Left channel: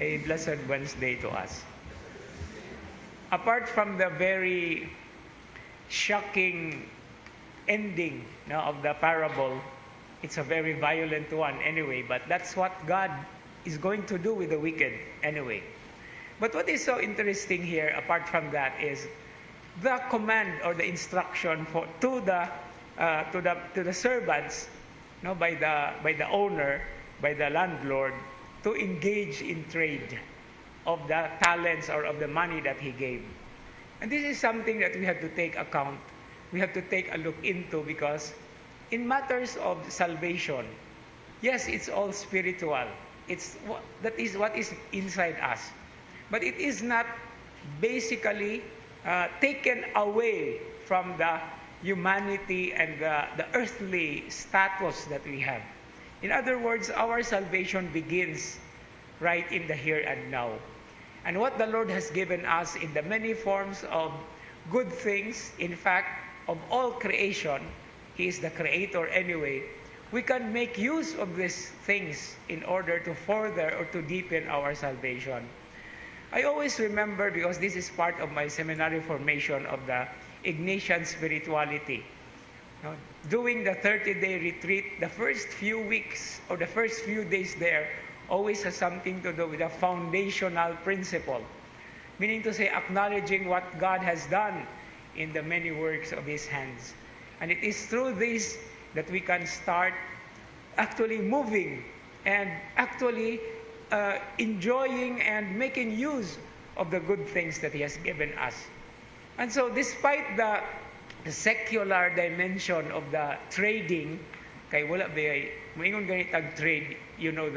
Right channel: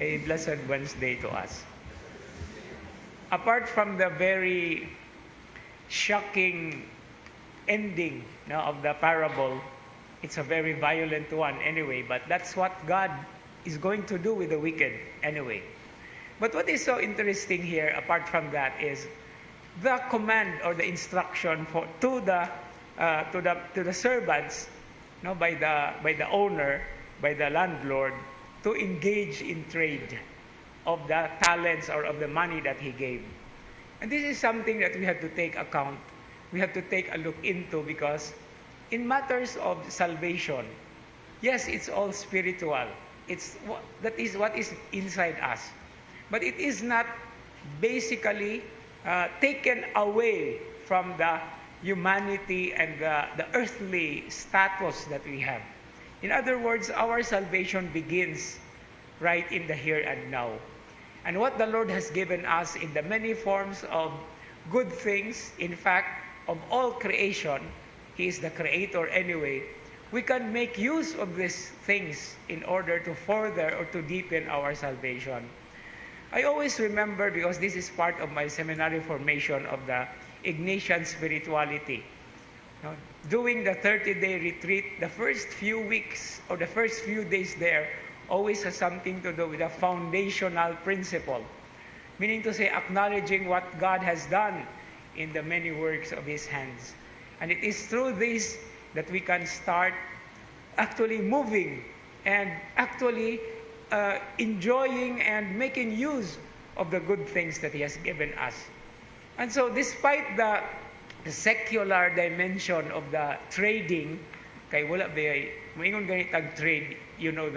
a blessed Wednesday to us. Apart from the very shocking ending of the parable, it's a very violent one anyway, but that's what God is going to do with the wicked anyway. But what is so interesting here, apart from that, is the command or the instruction to the servants, by the owner, by the landlord, to engage in trade of the talents or of the money that he gave. And this is something that we have to take account. We have to take a look into, because in matters of salvation, yes, it's all spiritual. That is what is inside us. But it is not basically taken away from the humanity and the earthly status that we have. In other words, our salvation begins right in the here and now. And what the Lord has given us in the many forms of good things, in fact, of all creation, He is the Creator anyway, we can make use of these things in order to further or to deepen our salvation. I always remember, because this is part of my seminary formation of the Ignatian spirituality. Doing the 30-day retreat, the first few weeks or the first few days there always has something to do with a foundational principle. Meaning to say, acknowledging what God has done in the many works of His hands. And it is through this that we can start actually moving and actually enjoying and making use of the good things that He has given us. And so despite the secular dimension of the trading, kay wala ba maingon ganit ang trade, you know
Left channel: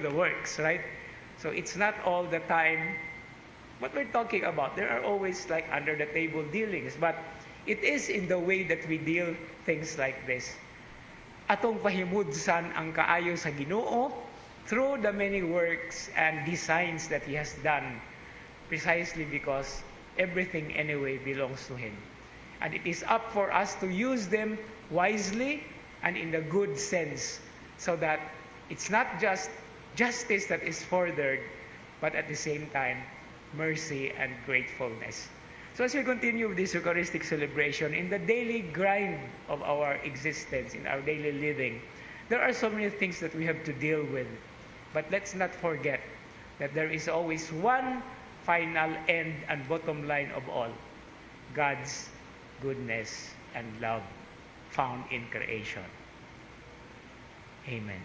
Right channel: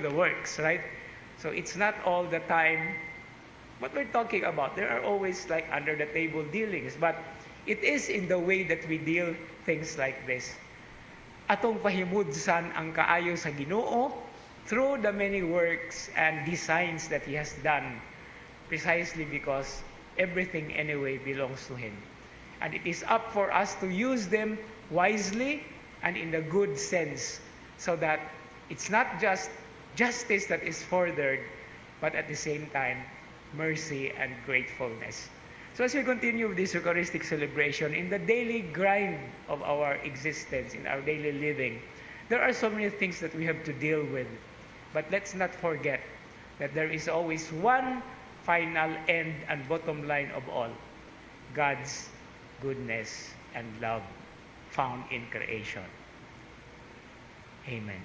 the works, right? So it's not all the time what we're talking about. There are always like under the table dealings, but it is in the way that we deal things like this. Atong pahimudsan ang kaayo sa Ginoo through the many works and designs that He has done, precisely because everything anyway belongs to Him. And it is up for us to use them wisely and in the good sense, so that it's not just justice that is furthered, but at the same time, mercy and gratefulness. So as we continue with this Eucharistic celebration, in the daily grind of our existence, in our daily living, there are so many things that we have to deal with. But let's not forget that there is always one final end and bottom line of all: God's goodness and love found in creation. Amen.